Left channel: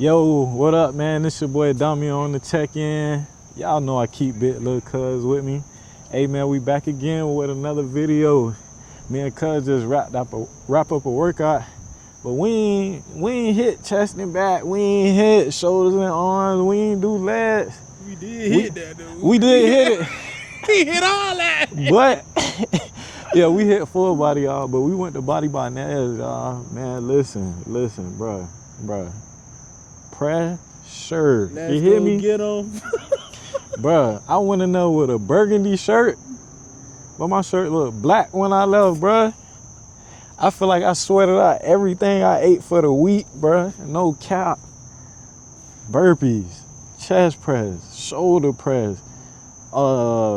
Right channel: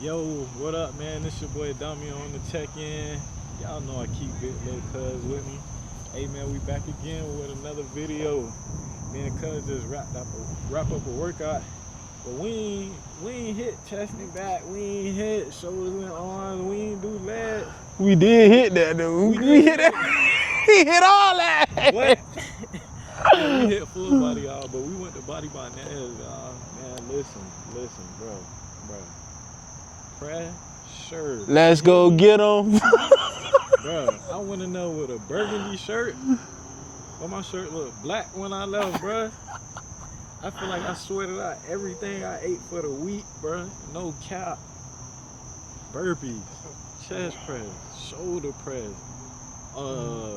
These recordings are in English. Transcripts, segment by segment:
Yo, what up, man? This your boy Dami on the check-in. Y'all know I keep Big Lil Cuz with me. Hey, man, we back again with another video. Me and Cuz just wrap up a workout, but we ain't hit chest and back. We ain't hit shoulders and arms. We ain't do legs. We did hit that, though. We did hit it. We hit all that. But yeah, we hit full body, y'all. But we went to body by nails, y'all. Man, listen, bro. Pressure. Let's go get them. Bro, I want to know with a burgundy shirt, but my shirt look black when I left, bro. I feel like I sweated out everything I ate for the week, bro. No cap. Burpees, chest press, shoulder press,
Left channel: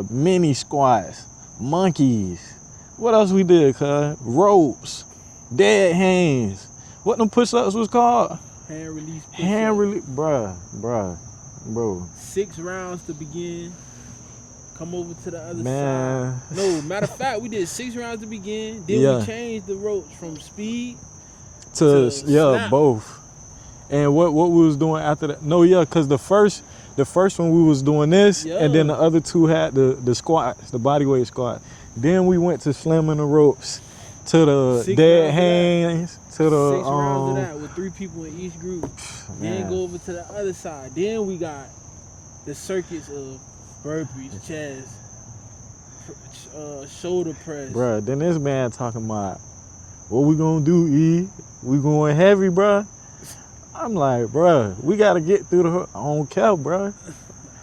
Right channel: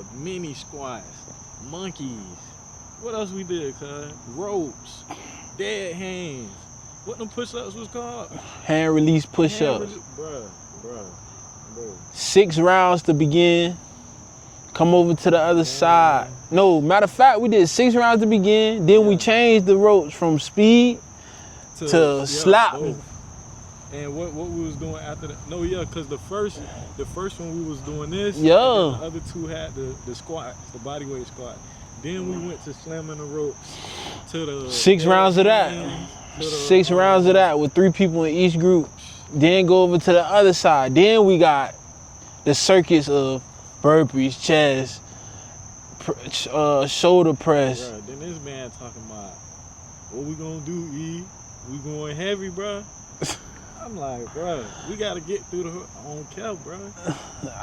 mini squats, monkeys. What else we did, cuz? Ropes, dead hands. What them push-ups was called? Hand release push-ups. Bro. 6 rounds to begin. Come over to the other side. No, matter of fact, we did 6 rounds to begin. Then we changed the ropes from speed to slap. Both. And what we was doing after that? No, cause the first one we was doing this, and then the other two had the squats, the bodyweight squat. Then we went to slamming the ropes to the 6 rounds hands, of that. 6 rounds of that with 3 people in each group. Then go over to the other side. Then we got the circuits of burpees, chest, shoulder press. Bruh, then this man talking about, what we gonna do, E? We going heavy, bruh? I'm like, bruh, we gotta get through the, I don't care, bruh.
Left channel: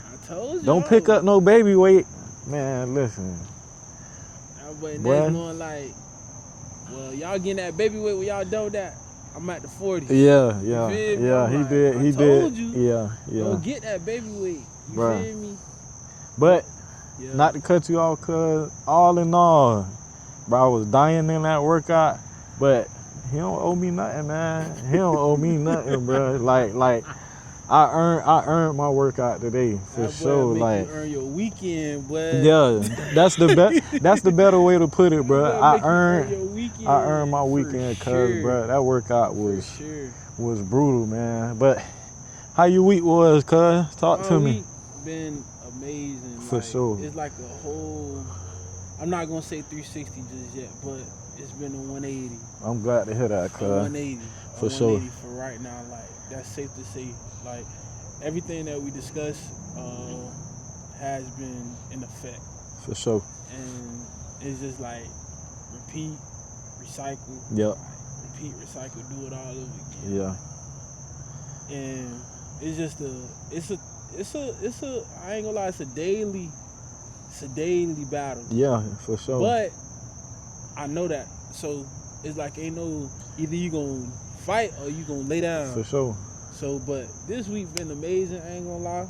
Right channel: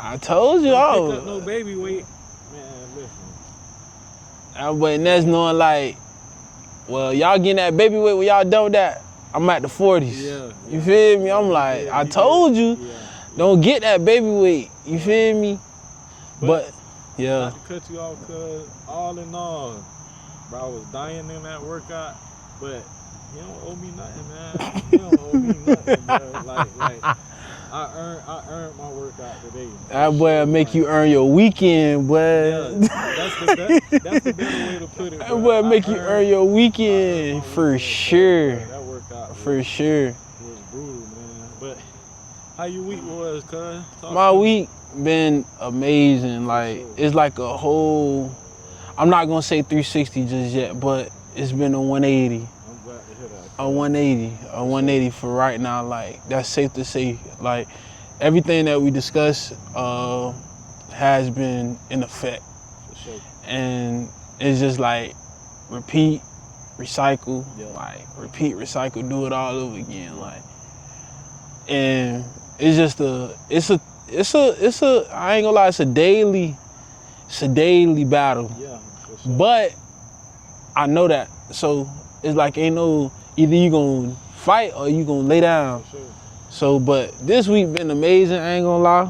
I told y'all. Don't pick up no baby weight. Man, listen. But that's knowing like, well, y'all getting that baby weight when y'all done with that. I'm at the 40s. Yeah. You feel me? I'm like, I told you. Yeah. Don't get that baby weight. You feel me? But not to cut you off, cuz all in all, bro, I was dying in that workout, but he don't owe me nothing, man. He don't owe me nothing, bro. Like I earned my workout today. That boy make you earn your weekend, boy. Yeah, that's the better way to put it, bro. That boy make you earn your weekend. I earned my for weekend, sure. Bro. That workout was brutal, man. But how your week was, cuz? My week been amazing. Like it's like a whole. I'm not gonna say 360 just yet, but it's been a 180. I'm glad to hear that, cuz. A 180 for right now. Like that's safe to say. Like everything that we discussed has been in effect. For sure. And it's just like repeat, recycle. Yeah. Like repeat, recycle, do it all over again. Yeah. Like, and it's just it's a I ain't gonna lie, it's a daily battle. Yeah, for sure. But I know that. So it's like ain't no, either you gonna fight or you gonna lay down. For sure. So, but this week been amazing, I ain't gonna lie.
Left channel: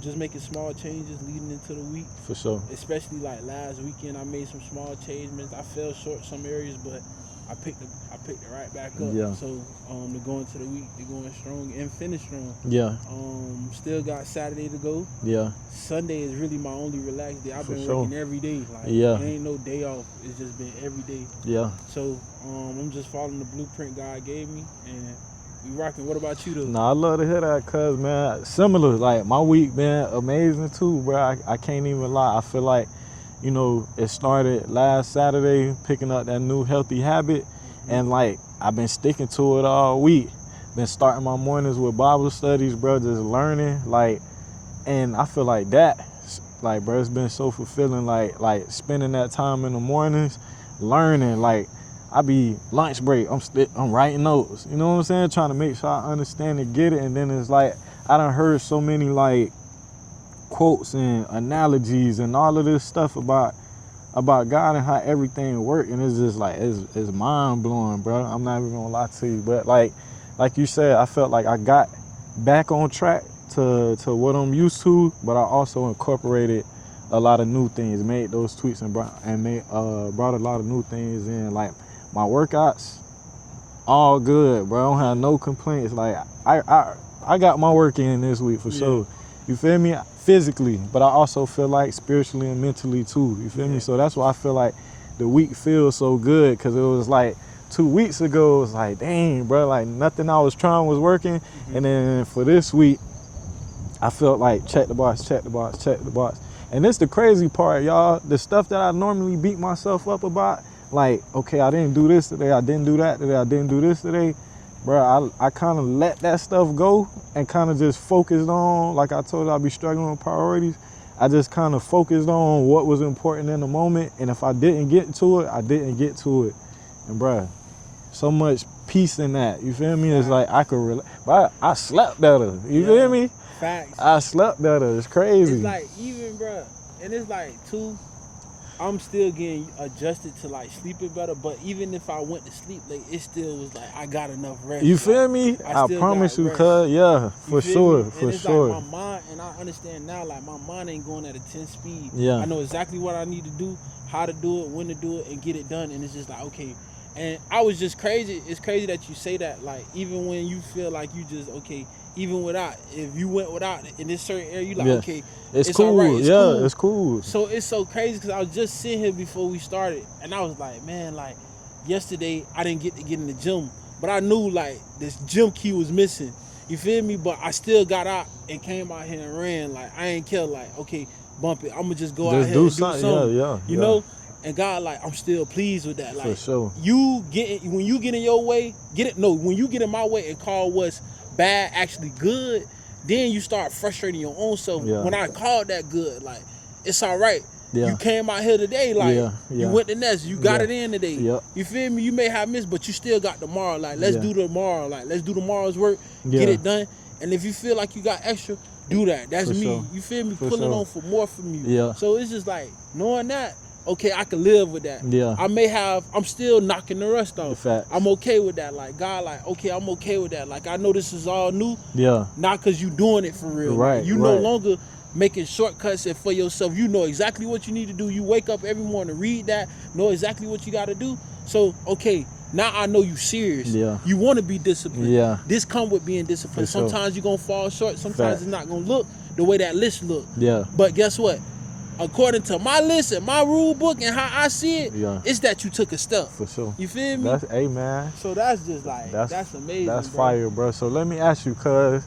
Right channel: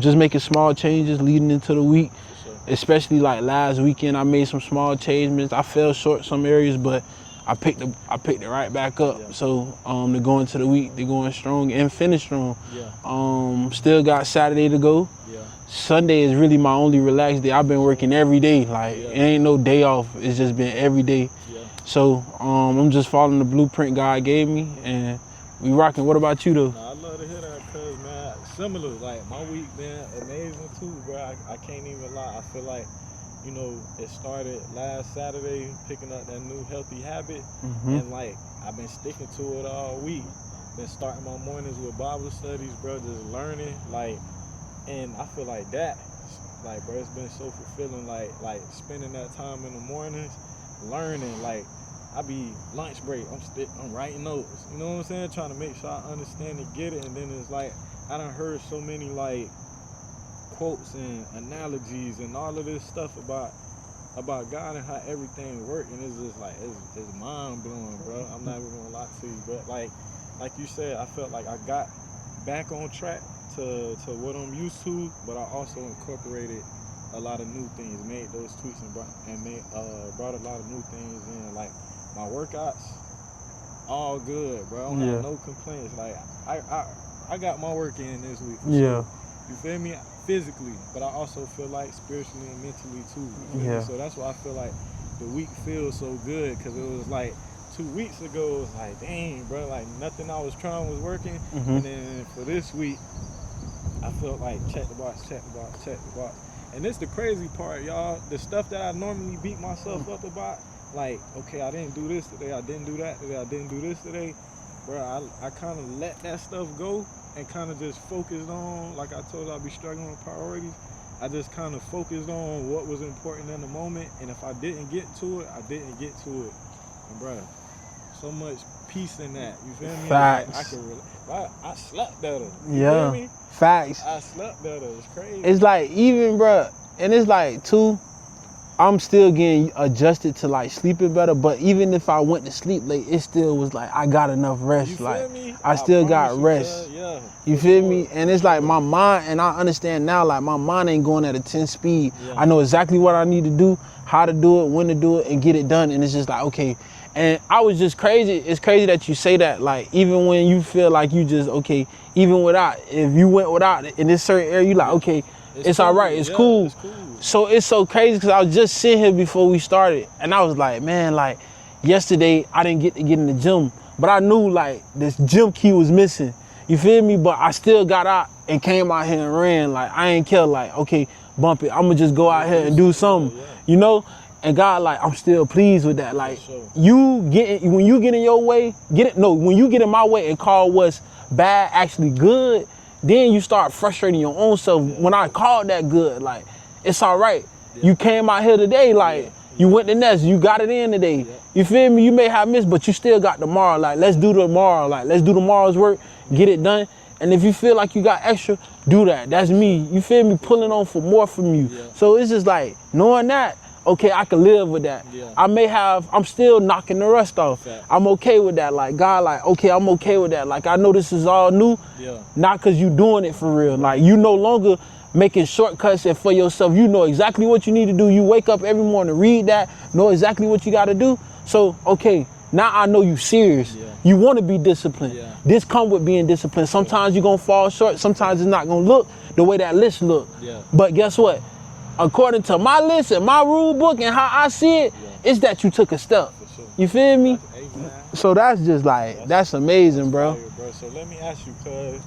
Just making small changes leading into the week. For sure. Especially like last weekend, I made some small changes. I fell short some areas, but I picked it right back up. Yeah. So to go into the week, they're going strong and finish strong. Yeah. Still got Saturday to go. Yeah. Sunday is really my only relaxed day. I've been working every day. Like it ain't no day off. It's just been every day. Yeah. So I'm just following the blueprint God gave me, and we rocking. What about you though? Nah, I love to hear that, cuz, man. Similar, like my week been amazing too, bro. I can't even lie. I feel like, you know, it started last Saturday, picking up that new healthy habit, and like I've been sticking to it all week. Been starting my mornings with Bible studies, bro, just learning, like, and I feel like that, like, bro, it's been so fulfilling, like spending that time in the mornings, learning, like, I be lunch break, I'm writing notes, you know what I'm saying, trying to make sure I understand and get it, and then it's like, I done heard so many, like, quotes and analogies and all of this stuff about God and how everything works, and it's just like it's mind blowing, bro. I'm not even gonna lie to you, but like you said, I felt like I got back on track to what I'm used to, but I also incorporated a lot of new things, made those tweaks and brought a lot of new things in. Like my workouts, all good, bro. I don't have no complaints. Like I got my work in this week for sure. You feel me? Physically, but I also feel like spiritually and mentally too. You feel me? So that's why I feel like the week feels so good, because it was like 2 weeks ago, it was like, dang, bro, like nothing I was trying was working. And then for this week, I felt like check the box, check the box, check the box. And this the crazy part, y'all. The stuff that I normally beat myself up about, like, okay, I didn't do this today, I didn't do that today, I didn't do this today. Bro, I kind of let that stuff go and kind of just focused on, like I told you, I'd be struggling with priorities. I just kind of focused on what was important in the moment. And if I didn't get to it, I didn't get to it. And bro, so much peace in that. You feel me? Facts. It's like I could relate. But I slept better. You feel me? Facts. I slept better. It's crazy. It's like, even, bro, and it's like, too, I'm still getting adjusted to like sleeping better, but even if I went to sleep late, it still was like I got enough rest. You like, feel me? I still got rest. Yeah, you feel me? And it's like my mind, and I understand now, like my mind ain't going at a 10 speed. Yeah. I know exactly what I need to do, how to do it, when to do it, and get it done. And it's just like, okay. And I was just crazy. It's crazy that you say that. Like, even when you feel like you just, okay, even without, if you went without it in this certain area, you like, okay, it's cool. all right, it's cool. It's cool. So it's so crazy because I was just sitting here before we started, and I was like, man, like, yesterday I didn't get to get in the gym, but I knew like this gym key was missing. You feel me? But I still got out and came out here and ran. Like, I ain't care, like, okay, bump it. I'm gonna just go out here and do something. You know? And God, like, I'm still pleased with that. Like, when you get in your way, when you get in my way and call what's bad actually good, then you start frustrating your own self. When I called that good, like, it's all right. You came out here today, like, you went the next, you got it in today. You feel me? You may have missed, but you still got tomorrow. Like, let's do tomorrow. Like, let's do tomorrow's work, get it done. And if you feel like you got extra, do that. That's me. You feel me? Pulling on for more from you. So it's just like, knowing that, okay, I can live with that. I'm still knocking the rust off. I'm okay with that. Like, God, like, okay, I'm okay with that. Like, I know this is all new. Not because you doing it for real. Like, you no longer making shortcuts and for yourself. You know exactly what you need to do. You wake up every morning, read that, know exactly what you got to do. So, okay, now I know you serious. You want to be disciplined. This come with being disciplined. Sometimes you're going to fall short. Sometimes it's not going to look the way that list look. But guess what? According to my list and my rule book and how I see it, it's that you took a step. For sure. You feel me? Hey, man. So that's just like, that's amazing, that's bro. Fire, bro. So let me ask you, cause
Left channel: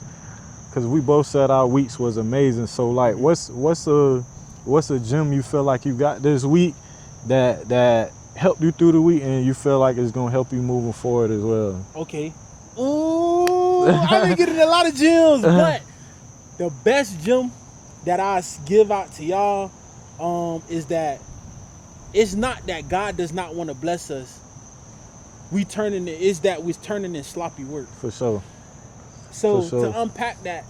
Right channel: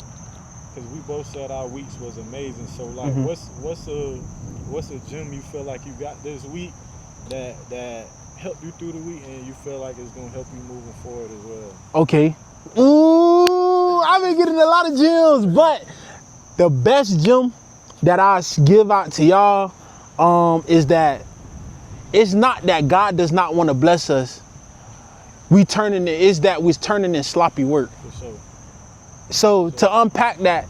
we both said our weeks was amazing. So like, what's a gym you feel like you got this week that helped you through the week and you feel like it's gonna help you moving forward as well? Okay. Ooh, I've been getting a lot of gyms, but the best gym that I give out to y'all is that it's not that God does not want to bless us. It's that we're turning in sloppy work. For sure. So to unpack that,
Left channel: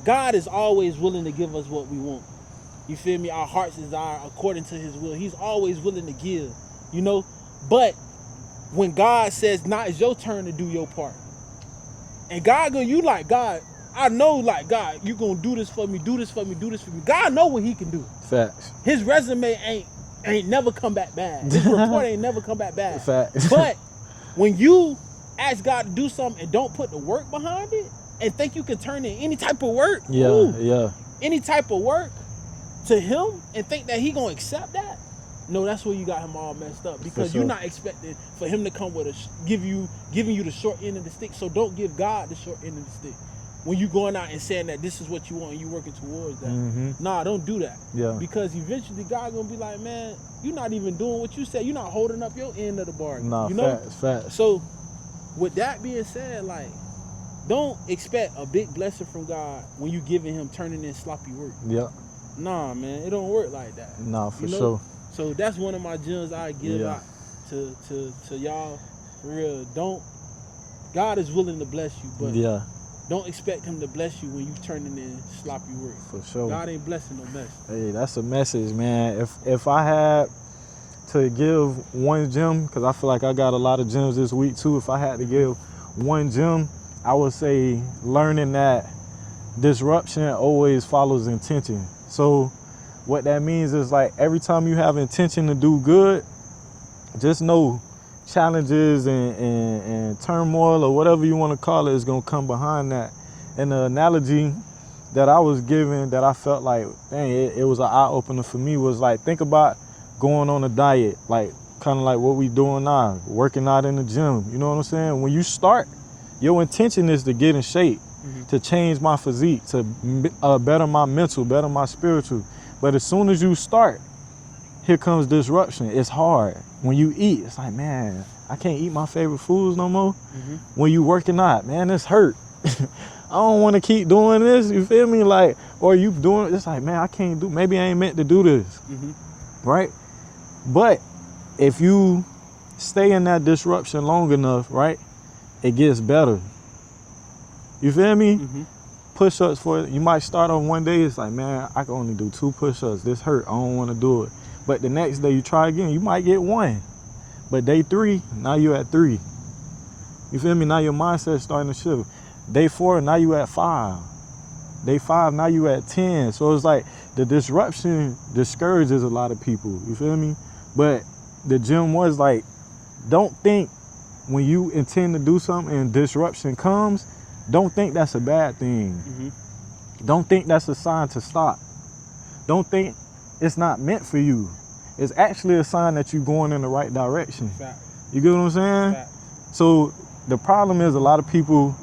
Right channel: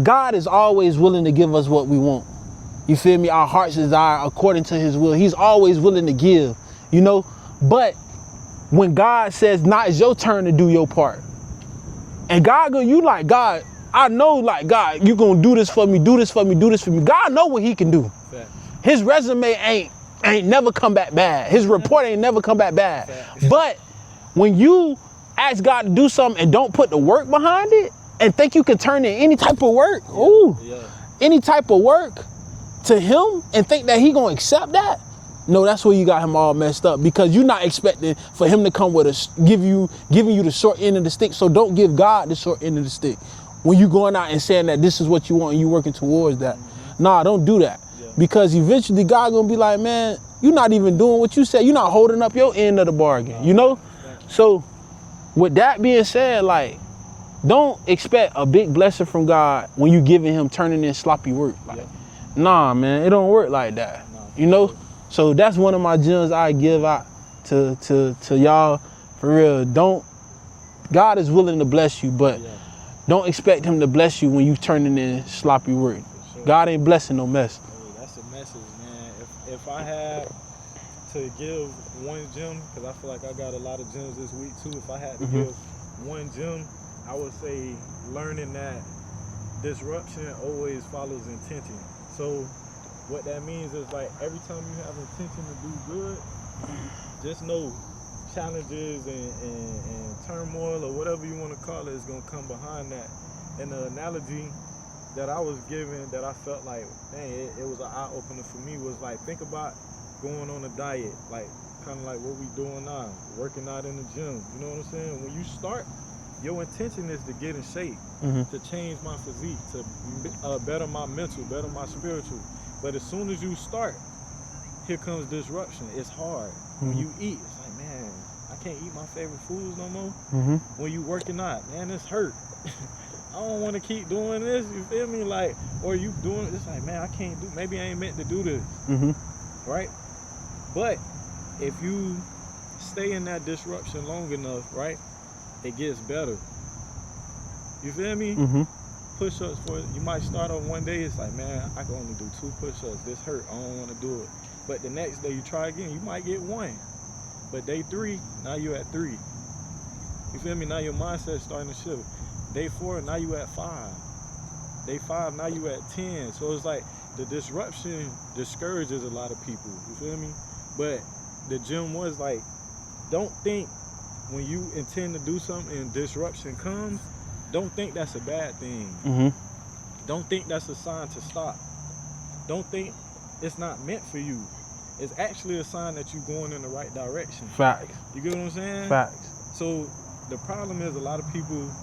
God is always willing to give us what we want. You feel me? Our heart's desire according to his will. He's always willing to give, you know? But when God says, now it's your turn to do your part. And you like, God, I know, like, God, you gonna do this for me, do this for me, do this for me. God know what he can do. Facts. His resume ain't never come back bad. His report ain't never come back bad. Facts. But when you ask God to do something and don't put the work behind it and think you can turn in any type of work, any type of work to him and think that he gonna accept that, no, that's where you got him all messed up, because you're not expecting for him to come with giving you the short end of the stick. So don't give God the short end of the stick. When you going out and saying that this is what you want and you working towards that. Nah, don't do that. Because eventually God gonna be like, man, you're not even doing what you said. You're not holding up your end of the bargain, you know? Facts. So with that being said, like, don't expect a big blessing from God when you giving him turning in sloppy work. Like, nah, man, it don't work like that. Nah, for you know? sure. So that's one of my gems I give out to y'all. For real, God is willing to bless you, but don't expect him to bless you when you turning in sloppy work. For sure. God ain't blessing no mess. Hey, that's a message, man. If I had to give one gem, because I feel like I got a lot of gems this week too. If I had to give one gem, I would say learning that disruption always follows intention. So what that means is, like, every time you have intention to do good, just know challenges and turmoil or whatever you want to call it is going to come behind that. And the analogy that I was given that I felt like, dang, it was an eye-opener for me was, like, think about going on a diet. Like, kind of like what we doing now, working out in the gym. You know what I'm saying? When you start, your intention is to get in shape, to change my physique, to better my mental, better my spiritual. But as soon as you start, here comes disruption. It's hard. When you eat, it's like, man, I can't eat my favorite foods no more. When you working out, man, it's hurt. I don't want to keep doing this, you feel me? Like, or you doing, it's like, man, I can't do, maybe I ain't meant to do this, right? But if you stay in that disruption long enough, right, it gets better. You feel me? Push-ups you might start on one day, it's like, man, I can only do 2 push-ups. This hurt, I don't want to do it. But the next day you try again, you might get 1. But day 3, now you're at 3. You feel me? Now your mindset's starting to shift. Day 4, now you at 5. Day 5, now you at 10. So it's like the disruption discourages a lot of people. You feel me? But the gym was like, don't think when you intend to do something and disruption comes, don't think that's a bad thing. Don't think that's a sign to stop. Don't think it's not meant for you. It's actually a sign that you're going in the right direction. Facts. You get what I'm saying? Facts. So the problem is a lot of people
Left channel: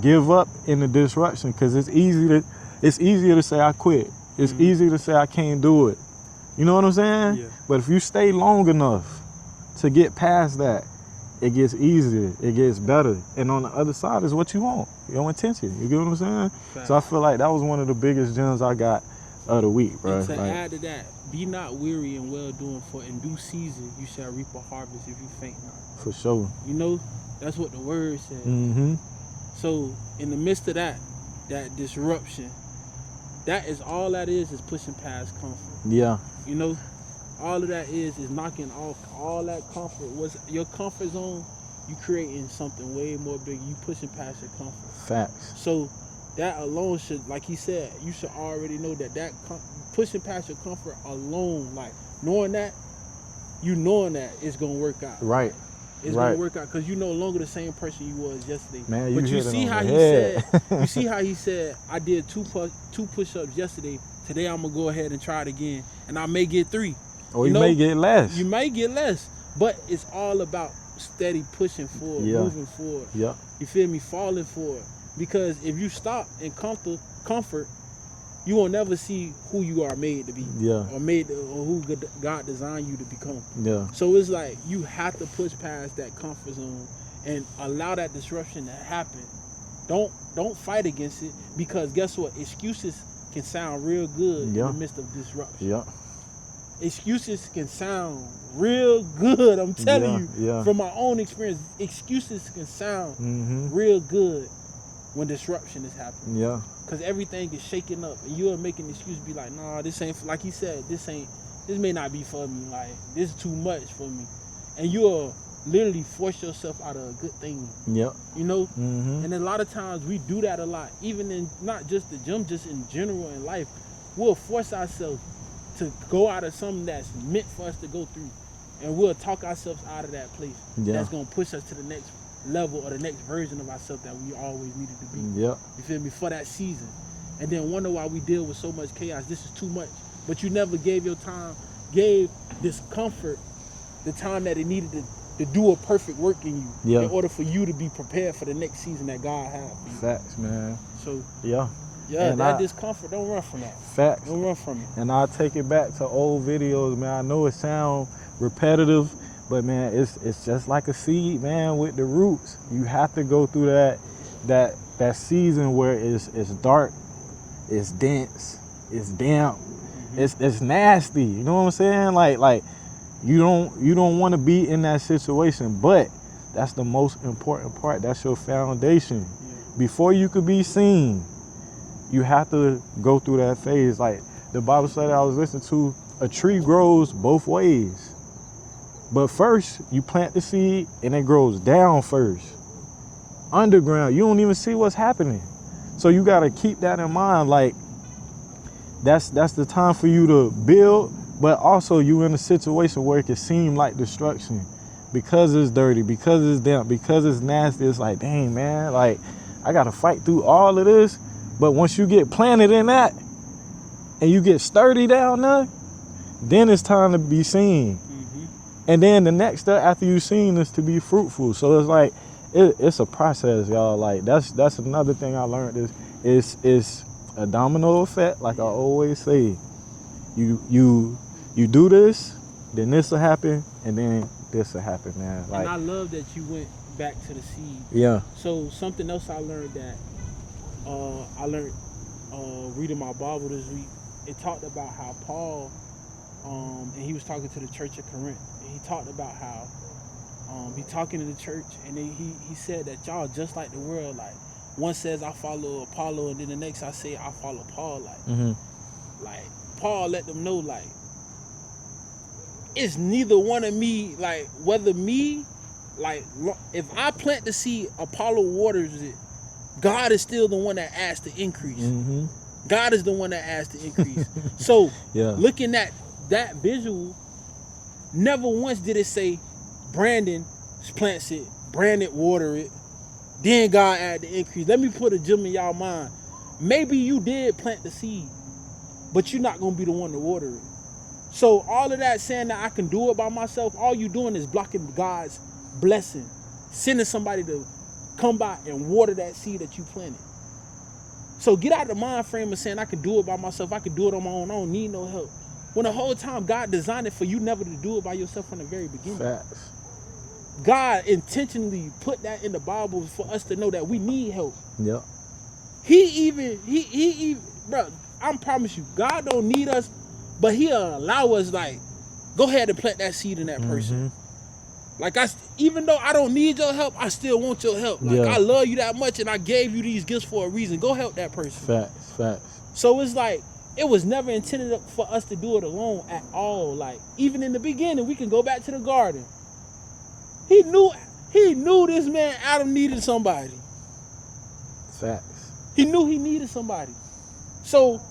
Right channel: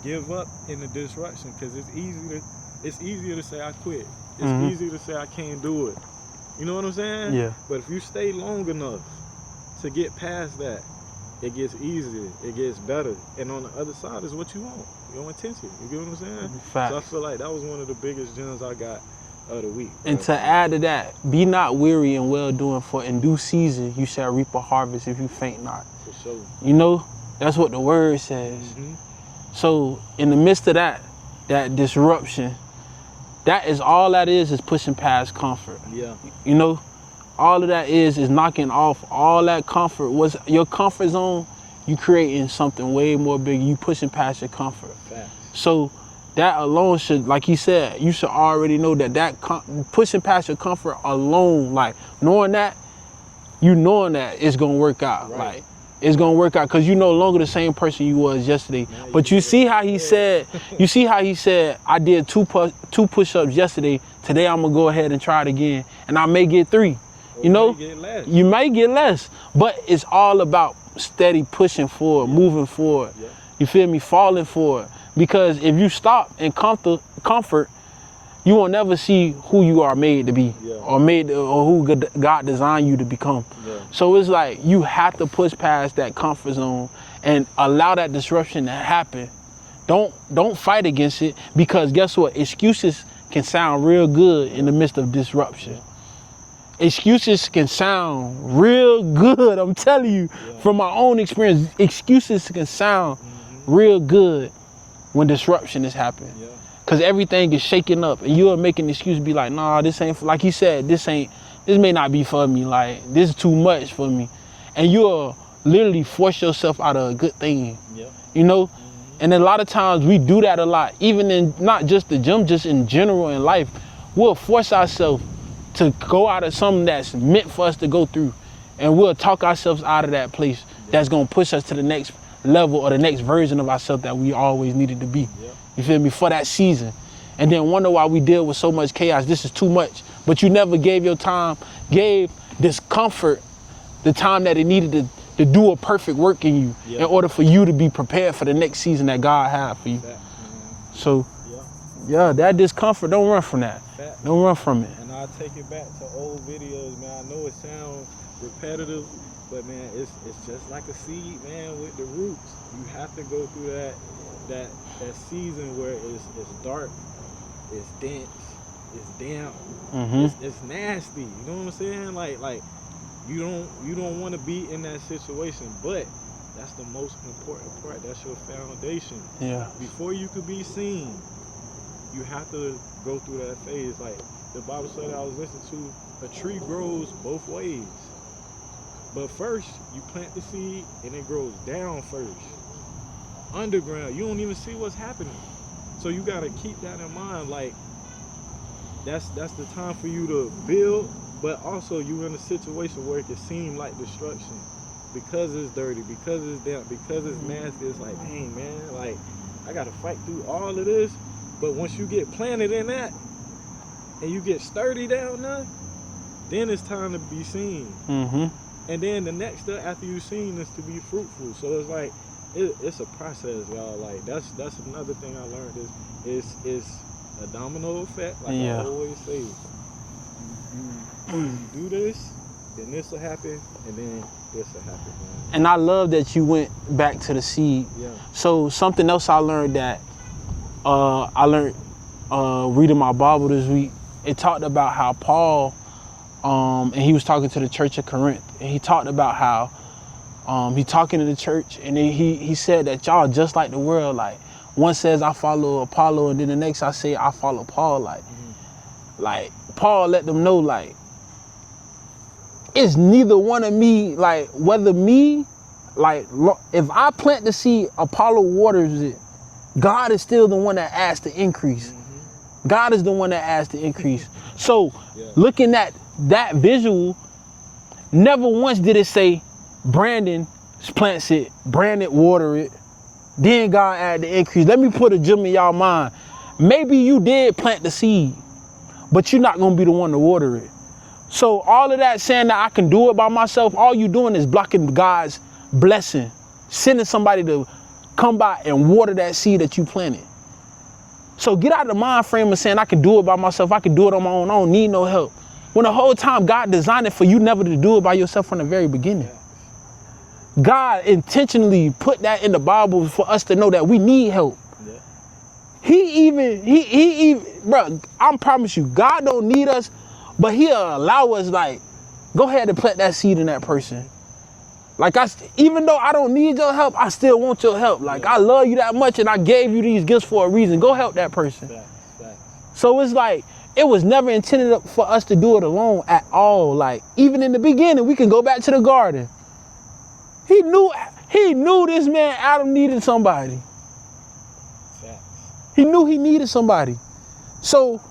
give up in the disruption because it's easier to say I quit. It's easier to say I can't do it. You know what I'm saying? Yeah. But if you stay long enough to get past that, it gets easier, it gets better. And on the other side is what you want, your intention. You get what I'm saying? Facts. So I feel like that was one of the biggest gems I got of the week. Bro. And to add to that, be not weary in well-doing, for in due season you shall reap a harvest if you faint not. For sure. You know, that's what the word says. So in the midst of that disruption, that is all that is pushing past comfort. Yeah. You know, all of that is knocking off all that comfort. Was your comfort zone, you creating something way more big. You pushing past your comfort. Facts. So that alone should, like he said, you should already know that pushing past your comfort alone, like knowing that it's gonna work out. Right. Like, it's gonna work out because you're no longer the same person you was yesterday. Man, but you see how he said, I did two push-ups yesterday. Today I'm gonna go ahead and try it again, and I may get 3. Or you may get less. You may get less, but it's all about steady pushing forward, moving forward. Yeah. You feel me? Falling forward. Because if you stop in comfort, you will never see who you are made to be, or who God designed you to become. Yeah. So it's like you have to push past that comfort zone and allow that disruption to happen. Don't fight against it, because guess what? Excuses can sound real good in the midst of disruption. Yeah. Excuses can sound real good. I'm telling you, from my own experience, excuses can sound real good when disruption is happening. Yeah. Cause everything is shaking up and you're making an excuse to be like, nah, this ain't, like he said, this may not be for me. Like, this is too much for me. And you'll literally force yourself out of a good thing. Yeah. You know? And a lot of times we do that a lot, even in not just the gym, just in general in life. We'll force ourselves to go out of something that's meant for us to go through. And we'll talk ourselves out of that place that's gonna push us to the next level or the next version of ourselves that we always needed to be. Yep. You feel me? For that season. And then wonder why we deal with so much chaos. This is too much. But you never gave discomfort the time that it needed to do a perfect work in you in order for you to be prepared for the next season that God had for you. Facts, man. So that discomfort, don't run from that. Facts. Don't run from it. And I'll take it back to old videos, man. I know it sounds repetitive, but man, it's just like a seed, man, with the roots. You have to go through that season where it's dark, it's dense, it's damp, it's nasty. You know what I'm saying? Like you don't want to be in that situation, but that's the most important part. That's your foundation. Yeah. Before you could be seen, you have to go through that phase. Like the Bible study I was listening to, a tree grows both ways. But first, you plant the seed and it grows down first. Underground, you don't even see what's happening. So you gotta keep that in mind. Like, that's the time for you to build, but also you in a situation where it can seem like destruction. Because it's dirty, because it's damp, because it's nasty, it's like, dang, man, like, I gotta fight through all of this. But once you get planted in that, and you get sturdy down there, then it's time to be seen. And then the next step after you've seen is to be fruitful. So it's like it's a process, y'all. Like that's another thing I learned is a domino effect. Like I always say, you do this, then this will happen, and then this will happen, man. Like, and I love that you went back to the seed. Yeah. So something else I learned that reading my Bible this week, it talked about how Paul, and he was talking to the church of Corinth, and he talked about how he talking to the church, and he said that y'all just like the world. Like one says I follow Apollo, and then the next I say I follow Paul. Like, like Paul let them know, like, it's neither one of me. Like whether me, like if I plant the seed, Apollo waters it. God is still the one that adds the increase. God is the one that adds the increase. So looking at that visual, never once did it say Brandon plants it, Brandon water it, then God add the increase. Let me put a gem in y'all mind. Maybe you did plant the seed, but you're not gonna be the one to water it. So all of that saying that I can do it by myself, all you doing is blocking God's blessing, sending somebody to come by and water that seed that you planted. So get out of the mind frame of saying I can do it by myself, I can do it on my own, I don't need no help. When the whole time God designed it for you never to do it by yourself from the very beginning. Facts. God intentionally put that in the Bible for us to know that we need help. Yep. He even, bro, I promise you, God don't need us, but he'll allow us, like, go ahead and plant that seed in that person. Like, even though I don't need your help, I still want your help. Like, I love you that much, and I gave you these gifts for a reason. Go help that person. Facts. So it's like, it was never intended for us to do it alone at all. Like, even in the beginning, we can go back to the garden. He knew this man Adam needed somebody. Facts. He knew he needed somebody. So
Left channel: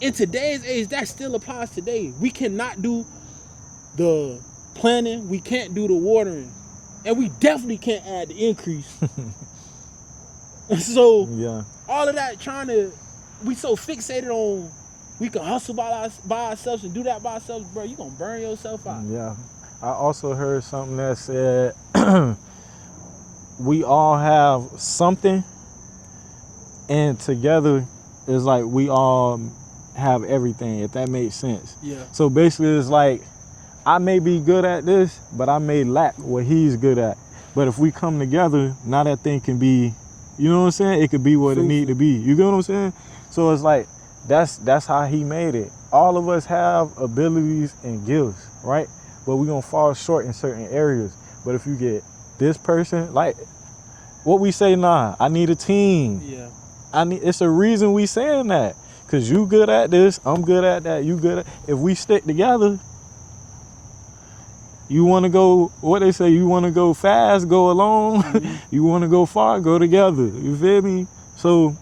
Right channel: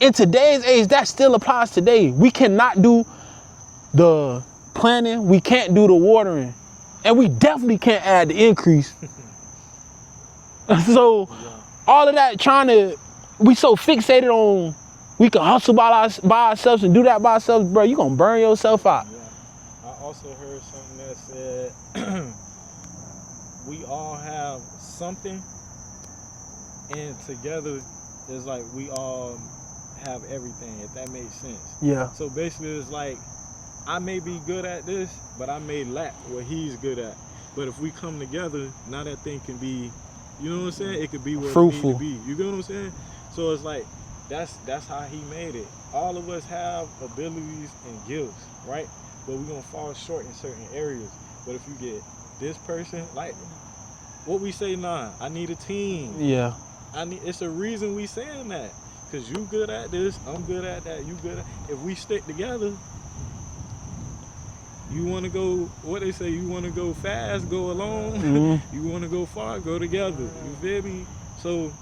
in today's age, that still applies today. We cannot do the planting, we can't do the watering, and we definitely can't add the increase. So all of that we so fixated on we can hustle by ourselves and do that by ourselves, bro, you gonna burn yourself out. Yeah. I also heard something that said we all have something, and together it's like we all have everything, if that makes sense. Yeah. So basically it's like I may be good at this, but I may lack what he's good at. But if we come together, now that thing can be, you know what I'm saying? It could be what fruitful. It need to be. You get what I'm saying? So it's like that's how he made it. All of us have abilities and gifts, right? But we're gonna fall short in certain areas. But if you get this person, like what we say, I need a team. Yeah. It's a reason we saying that. Cause you good at this, I'm good at that, you good at. If we stick together, you wanna go, what they say, you wanna go fast, go alone. You wanna go far, go together. You feel me? So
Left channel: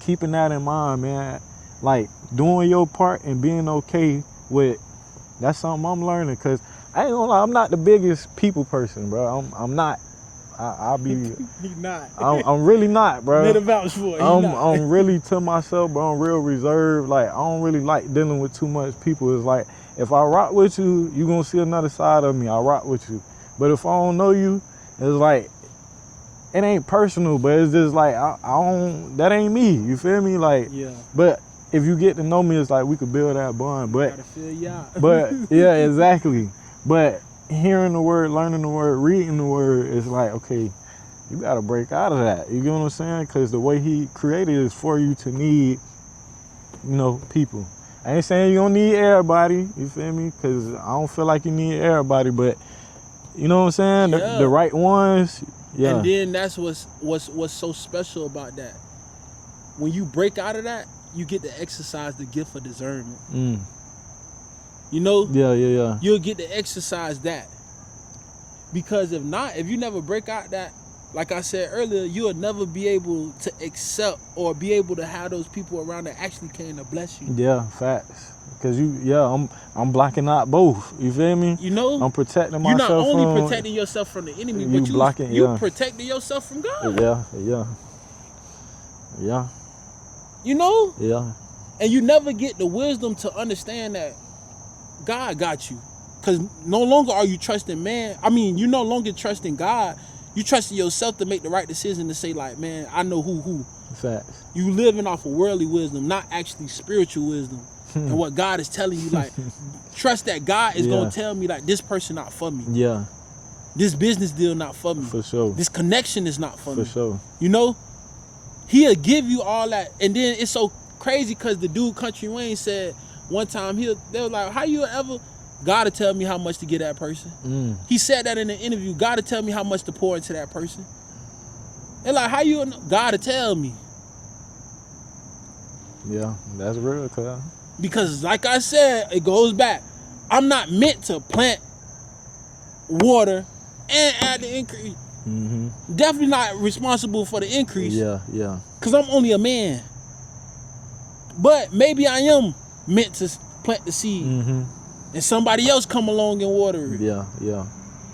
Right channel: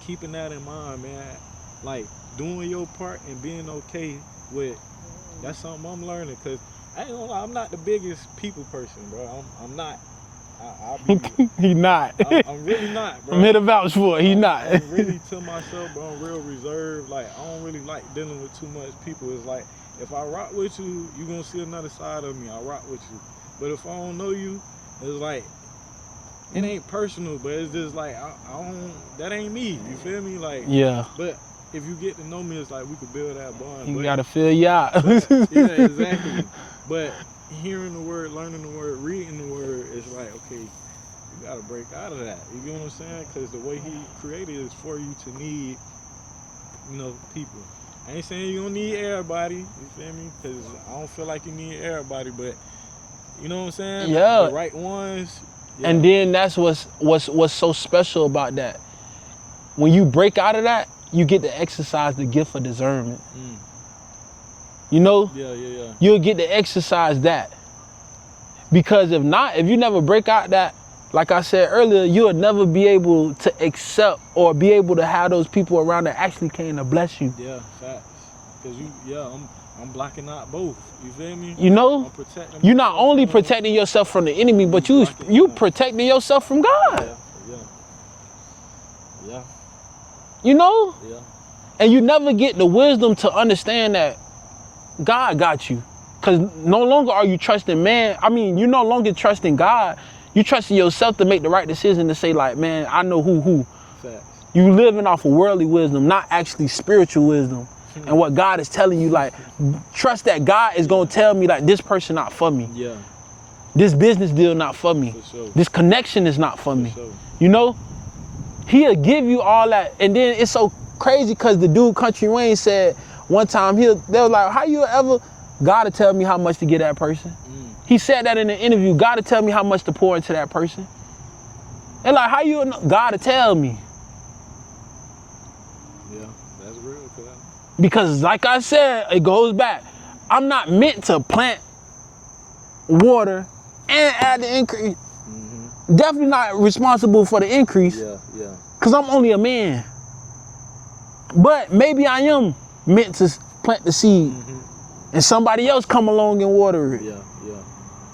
keeping that in mind, man, like doing your part and being okay with, that's something I'm learning. Cause I ain't gonna lie, I'm not the biggest people person, bro. I'm not. I'll be. He not. I'm really not, bro. Made a vouch for it. He not. I'm really to myself, bro. I'm real reserved. Like I don't really like dealing with too much people. It's like if I rock with you, you gonna see another side of me. I rock with you. But if I don't know you, it's like it ain't personal, but it's just like I don't. That ain't me. You feel me? Like Yeah. But if you get to know me, it's like we could build that bond. You gotta feel you out. But yeah, exactly. But hearing the word, learning the word, reading the word, it's like, okay, you gotta break out of that. You get what I'm saying? Because the way he created is for you to need, people. I ain't saying you don't need everybody, you feel me? Because I don't feel like you need everybody, but you know what I'm saying? Yeah. The right ones. Yeah. And then that's what's so special about that. When you break out of that, you get to exercise the gift of discernment. You know? Yeah. You'll get to exercise that. Because if not, if you never break out that, like I said earlier, you'll never be able to accept or be able to have those people around that actually came to bless you. Yeah, facts. Because I'm blocking out both. You feel me? You know? I'm protecting myself. You're not only from, protecting yourself from the enemy, but you protecting yourself from God. Yeah. You know? Yeah. And you never get the wisdom to understand that God got you. Because no longer are you trusting man. I mean, you're no longer trusting God. You trusting yourself to make the right decision to say like, man, I know who. Facts. You living off of worldly wisdom, not actually spiritual wisdom. And what God is telling you, like, trust that God is going to tell me, like, this person not for me. Yeah. This business deal not for me. For sure. This connection is not for me. For sure. You know? He'll give you all that. And then it's so crazy because the dude Country Wayne said one time, they was like, how you ever, God to tell me how much to give that person. He said that in an interview, God to tell me how much to pour into that person. And like, how you, God to tell me. Yeah, that's real, cuz. Because like I said, it goes back. I'm not meant to plant, water, and add the increase. Definitely not responsible for the increase. Yeah. Because I'm only a man. But maybe I am meant to plant the seed. And somebody else come along and water it. Yeah.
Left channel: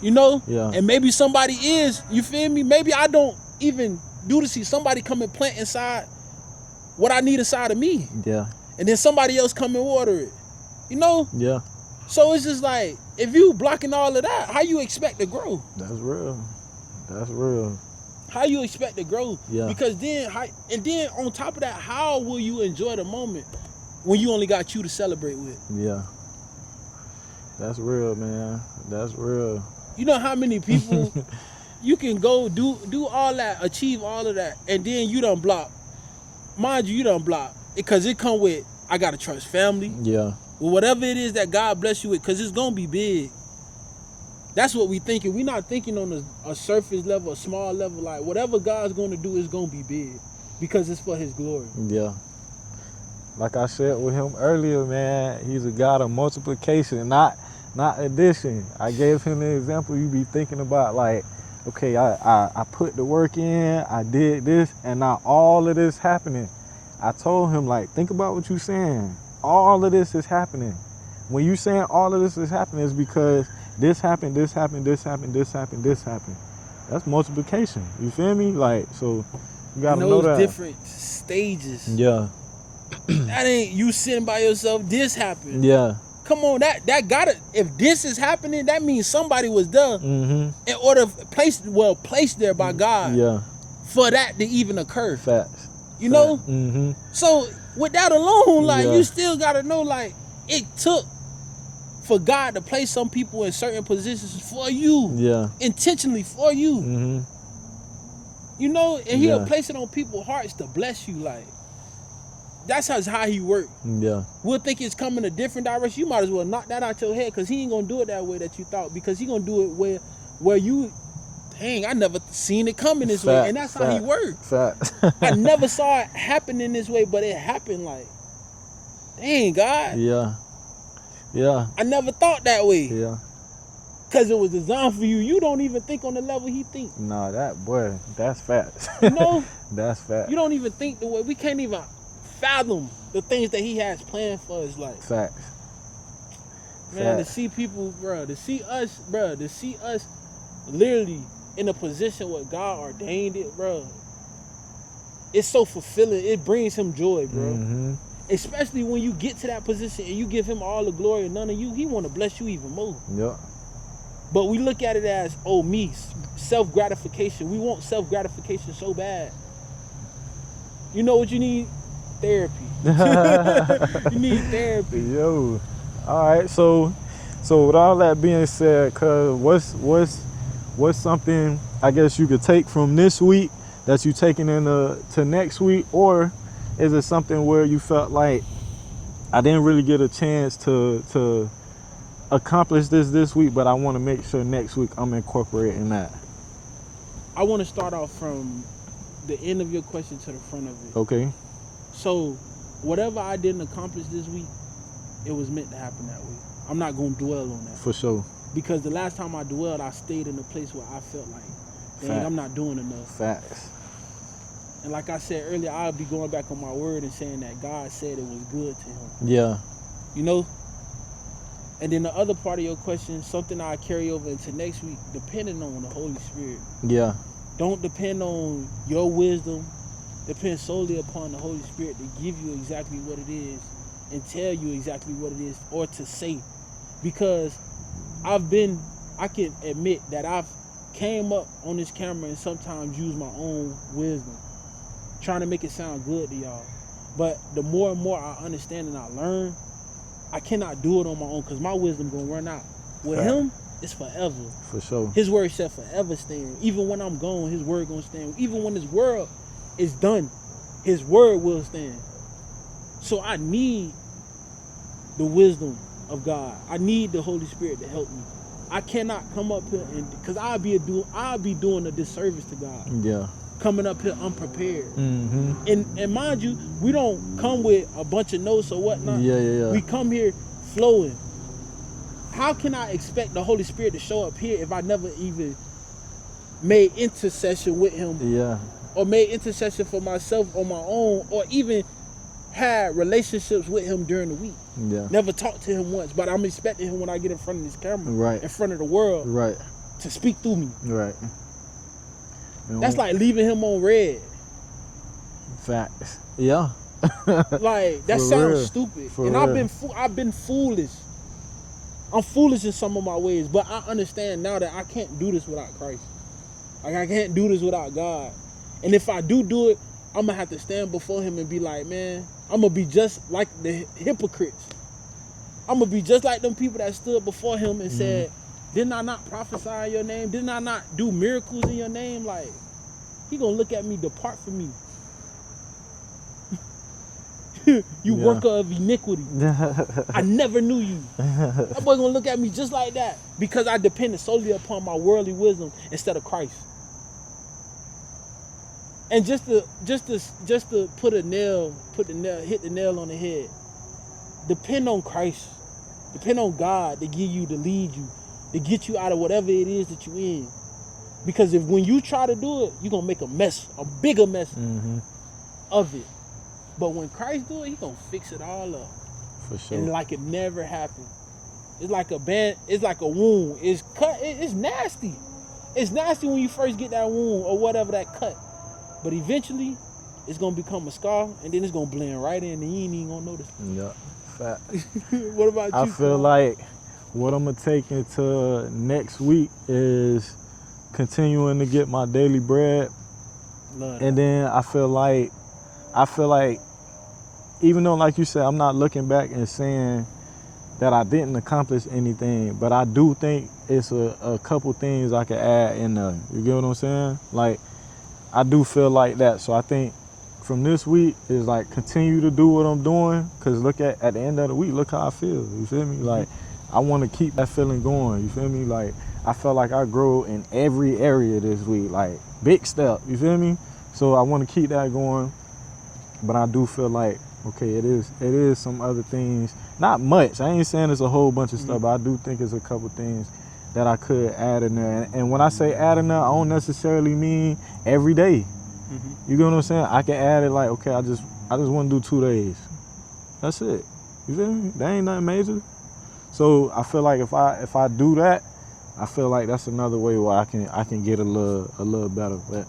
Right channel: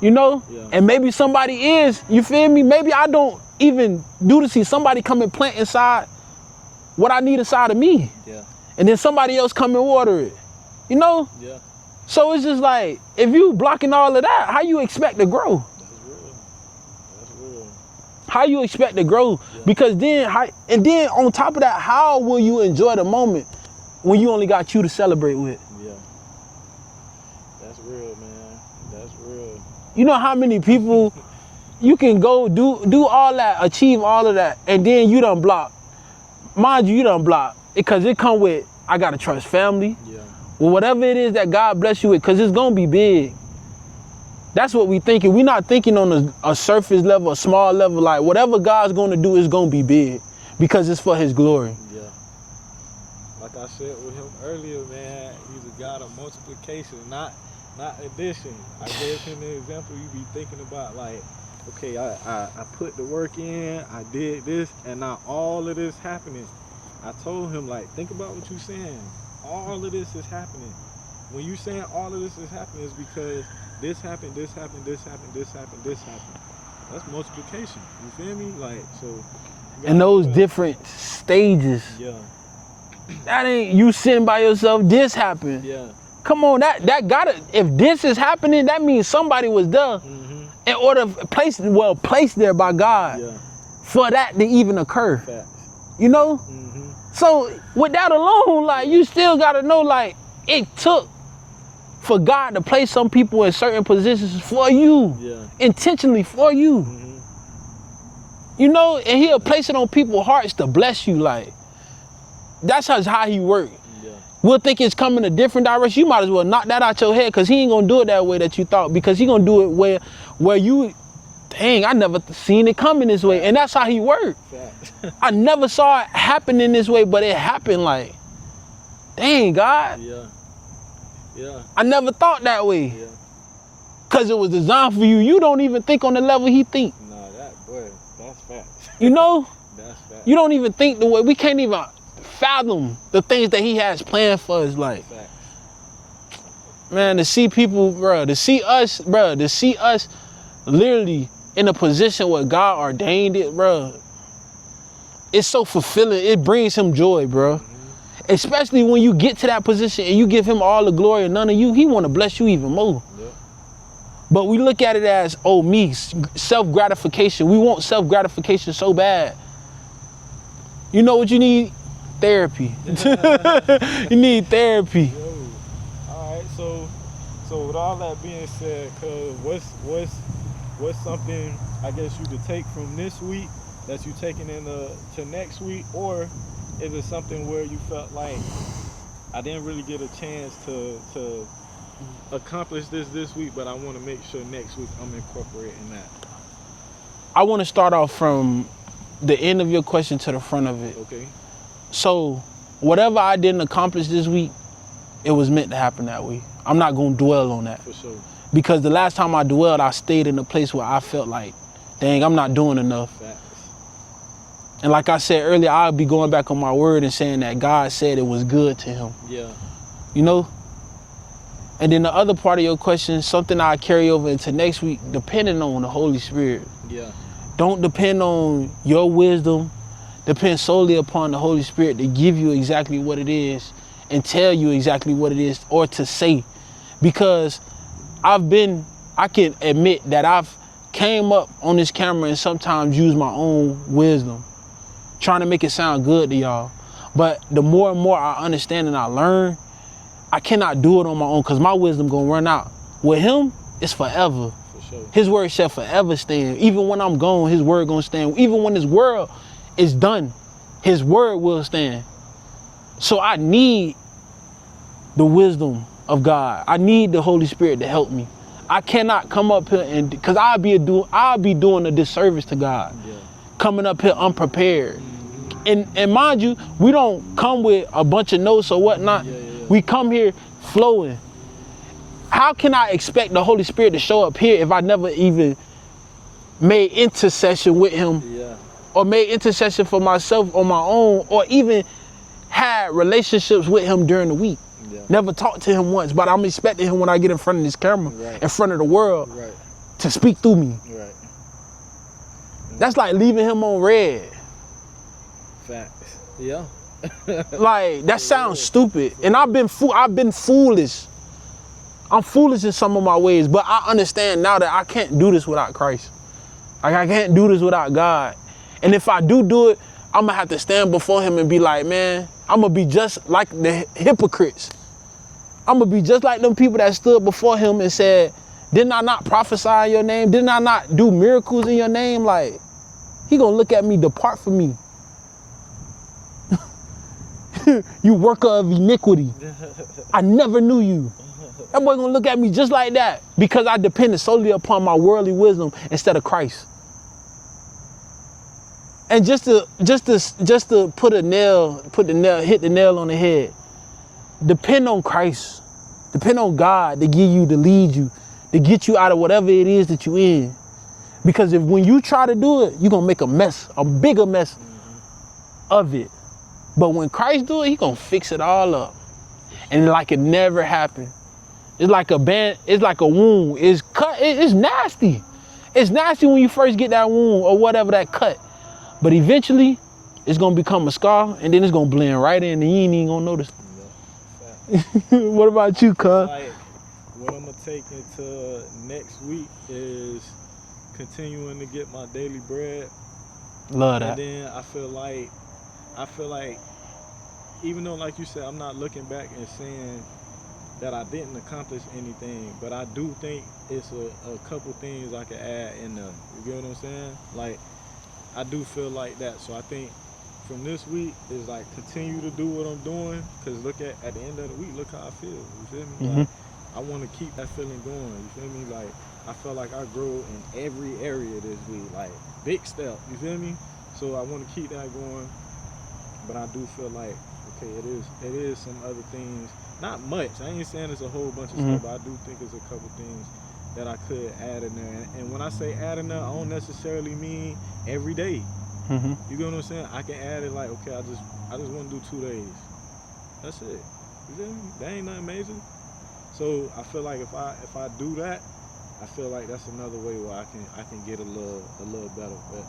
You know? Yeah. And maybe somebody is, you feel me? Maybe I don't even do the seed. Somebody come and plant inside what I need inside of me. Yeah. And then somebody else come and water it. You know? Yeah. So it's just like, if you blocking all of that, how you expect to grow? That's real. That's real. How you expect to grow? Yeah. Because then, then on top of that, how will you enjoy the moment when you only got you to celebrate with? Yeah. That's real, man. That's real. You know how many people you can go do all that, achieve all of that, and then you done block. Mind you done block. Because it come with, I gotta trust family. Yeah. Well, whatever it is that God bless you with, because it's gonna be big. That's what we thinking. We're not thinking on a surface level, a small level. Like, whatever God's gonna do is gonna be big because it's for his glory. Yeah. Like I said with him earlier, man, he's a God of multiplication, not addition. I gave him the example. You be thinking about like, okay, I put the work in, I did this, and now all of this happening. I told him, like, think about what you're saying. All of this is happening. When you saying all of this is happening, it's because this happened, this happened, this happened, this happened, this happened. That's multiplication. You feel me? Like, so you gotta and know those that. different stages. Yeah. That ain't you sitting by yourself, this happened. Yeah. Come on, that gotta, if this is happening, that means somebody was there in order, placed there by God. Yeah. For that to even occur. Facts. You know? Mm-hmm. So with that alone, like, Yeah. you still gotta know, like, it took for God to place some people in certain positions for you. Yeah. Intentionally for you. Mm-hmm. You know, and he'll Yeah. place it on people's hearts to bless you, like. That's how he works. Yeah. We'll think it's coming a different direction. You might as well knock that out your head, because he ain't gonna do it that way that you thought, because he gonna do it where you, dang, I never seen it coming this way. And that's how he works. Facts. I never saw it happen in this way, but it happened like, dang, God. Yeah. Yeah. I never thought that way. Yeah. Because it was designed for you. You don't even think on the level he think. Nah, that's facts. You know? That's facts. You don't even think the way, we can't even fathom the things that he has planned for us. Like, Facts. man, Facts. to see people, to see us literally in a position where God ordained it, bro, it's so fulfilling. It brings him joy, bro. Mm-hmm. Especially when you get to that position and you give him all the glory and none of you, he want to bless you even more. Yep. But we look at it as, oh, me, self-gratification. We want self-gratification so bad. You know what you need? Therapy. You need therapy. Yo. All right. So with all that being said, cuz what's something I guess you could take from this week that you taking into next week, or is it something where you felt like I didn't really get a chance to accomplish this week, but I want to make sure next week I'm incorporating that? I want to start off from the end of your question to the front of it. Okay. So whatever I didn't accomplish this week, it was meant to happen that week. I'm not going to dwell on that. For sure. Because the last time I dwelled, I stayed in a place where I felt like, dang, I'm not doing enough. Facts. And like I said earlier, I'll be going back on my word and saying that God said it was good to him. Yeah. You know? And then the other part of your question, something I carry over into next week, depending on the Holy Spirit. Yeah. Don't depend on your wisdom. Depend solely upon the Holy Spirit to give you exactly what it is and tell you exactly what it is, or to say. Because I can admit that I've came up on this camera and sometimes used my own wisdom, trying to make it sound good to y'all. But the more and more I understand and I learn, I cannot do it on my own because my wisdom gonna run out. With him, it's forever. For sure. His word shall forever stand. Even when I'm gone, his word gonna stand. Even when this world is done, his word will stand. So I need the wisdom of God. I need the Holy Spirit to help me. I cannot come up here and, because I'll be doing a disservice to God. Yeah. Coming up here unprepared. Mm-hmm. And mind you, we don't come with a bunch of notes or whatnot. Yeah. We come here flowing. How can I expect the Holy Spirit to show up here if I never even made intercession with him? Yeah. Or made intercession for myself on my own, or even had relationships with him during the week. Yeah. Never talked to him once, but I'm expecting him when I get in front of this camera, Right. in front of the world, Right. to speak through me. Right. That's like leaving him on red. Facts. Yeah. Like, that For sounds real. stupid. For And real. I've been foolish. I'm foolish in some of my ways, but I understand now that I can't do this without Christ. Like, I can't do this without God. And if I do it, I'm gonna have to stand before him and be like, man, I'm gonna be just like the hypocrites. I'm gonna be just like them people that stood before him and said, didn't I not prophesy in your name? Didn't I not do miracles in your name? Like, he gonna look at me, depart from me. You worker of iniquity. I never knew you. That boy gonna look at me just like that because I depended solely upon my worldly wisdom instead of Christ. And just to hit the nail on the head. Depend on Christ. Depend on God to give you, to lead you, to get you out of whatever it is that you're in. Because when you try to do it, you're gonna make a mess, a bigger mess of it. But when Christ do it, he gonna fix it all up. For sure. And like it never happened. It's like a wound. It's cut, it's nasty. It's nasty when you first get that wound or whatever, that cut. But eventually, it's gonna become a scar, and then it's gonna blend right in, and you ain't even gonna notice. Yeah. Fact. What about I you, feel cuz? like what I'm gonna take into next week is continuing to get my daily bread. Love that. And then I feel like even though, like you said, I'm not looking back and saying that I didn't accomplish anything, but I do think it's a couple things I could add in there. You get what I'm saying? Like, I do feel like that. So I think from this week is like continue to do what I'm doing, because look at the end of the week, look how I feel. You feel me? Like, I want to keep that feeling going. You feel me? Like, I felt like I grow in every area this week, like big step. You feel me? So I want to keep that going, but I do feel like, okay, it is some other things. Not much. I ain't saying it's a whole bunch of stuff, but I do think it's a couple things that I could add in there. And when I say add in there, I don't necessarily mean every day. You get what I'm saying? I can add it like, okay, I just want to do 2 days. That's it. You feel me? That ain't nothing major. So I feel like if I do that, I feel like that's another way where I can get a little better. But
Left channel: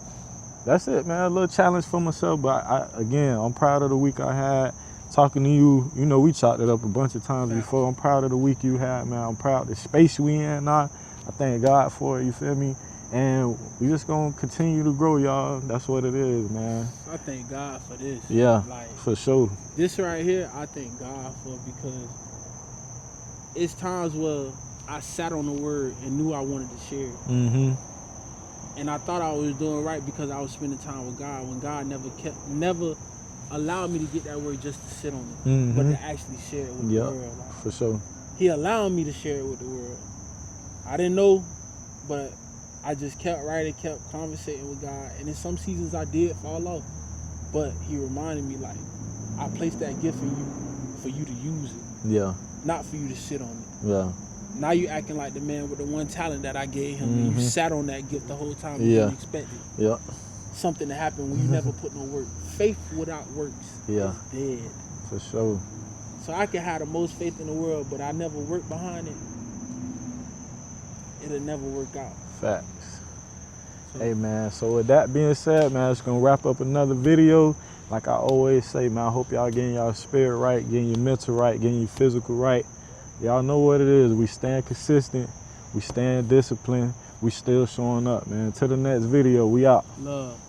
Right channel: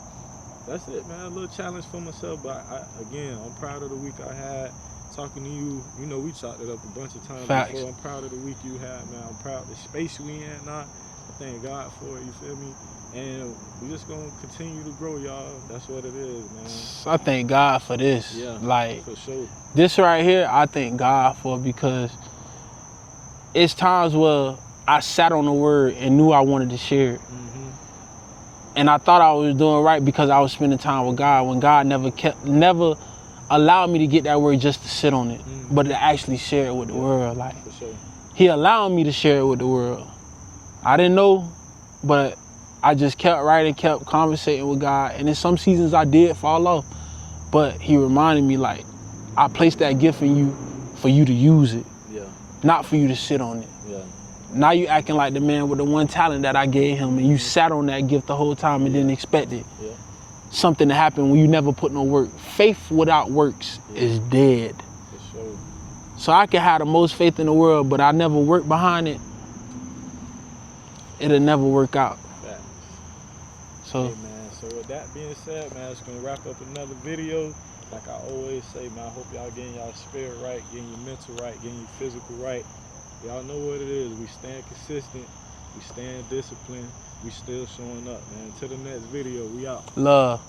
that's it, man. A little challenge for myself. But I'm proud of the week I had. Talking to you, you know, we chopped it up a bunch of times before. I'm proud of the week you had, man. I'm proud of the space we in now. I thank God for it, you feel me? And we just gonna continue to grow, y'all. That's what it is, man. I thank God for this. Yeah, like, for sure. This right here, I thank God for, because it's times where I sat on the word and knew I wanted to share it. And I thought I was doing right because I was spending time with God, when God never allowed me to get that word just to sit on it, but to actually share it with the world. Like, for sure. He allowed me to share it with the world. I didn't know, but I just kept writing, kept conversating with God. And in some seasons I did fall off, but he reminded me, like, I placed that gift in you for you to use it. Yeah. Not for you to sit on it. Yeah. Now you acting like the man with the one talent that I gave him, and you sat on that gift the whole time and didn't expect it. Yeah. Something to happen when you never put no work. Faith without works is dead. For sure. So I can have the most faith in the world, but I never work behind it, it'll never work out. Facts. So, hey, man, so with that being said, man, it's gonna wrap up another video. Like I always say, man, I hope y'all getting y'all spirit right, getting your mental right, getting your physical right. Y'all know what it is. We staying consistent. We staying disciplined. We still showing up, man. To the next video, we out. Love.